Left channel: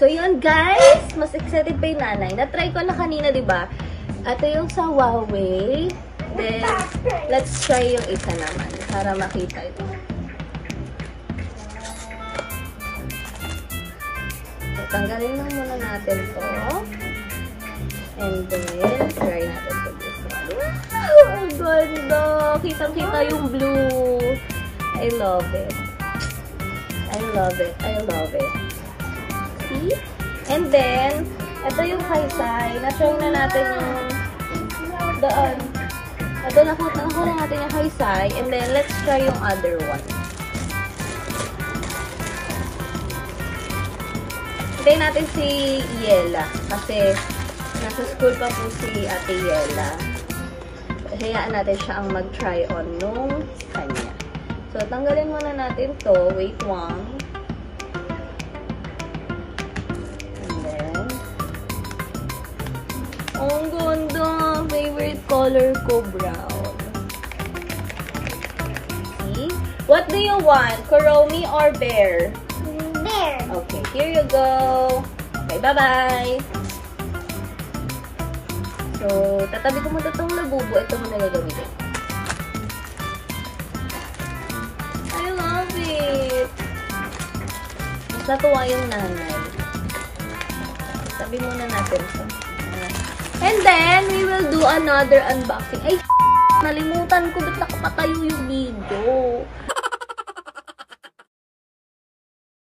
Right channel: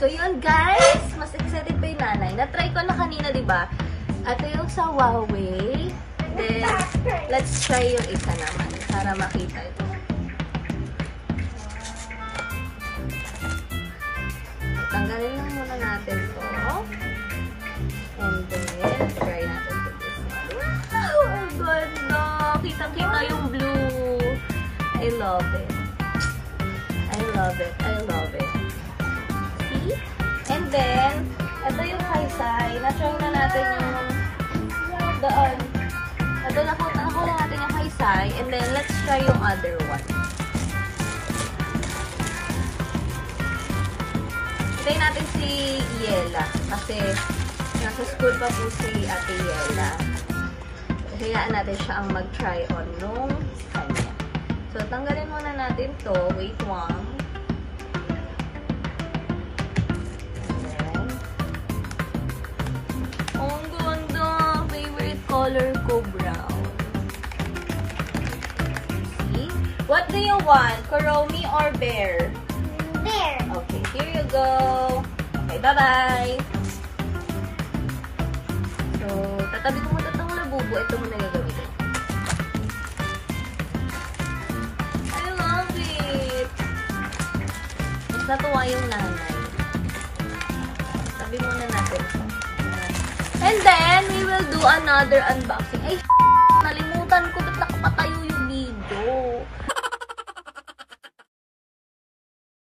So, yun guys. Mas excited pa yung nanay. Na-try ko na kanina, diba? Ito yung sa Huawei. Then, let's try yung isa naman para makita ito. So, tanggalin na muna natin to. And then, try natin to this one. Oh, ang ganda! Kitang-kita yung blue. I love it. I love it. I love it. See? And then, ito yung Kaisai. Na-show na natin yung doon. Ito, nakuha natin yung Kaisai. And then, let's try yung other one. Hintayin natin si Yela. Kasi, nasa school pa po si Ate Yela. Hayaan natin siya ang mag-try on nung kanya. So, tanggalin muna natin to. Wait one. And then, ang ganda. Favorite color ko, brown. See? What do you want? Kuromi or bear? Bear. Okay, here you go. Okay, bye-bye. So, tatabi ko muna itong labubo. Ito muna yung gamitin. I love it! Mas natuwa yung nanay. Tabi muna natin ito. And then, we will do another unboxing. Ay, nalimutan ko. Ba't nakapatayo yung video?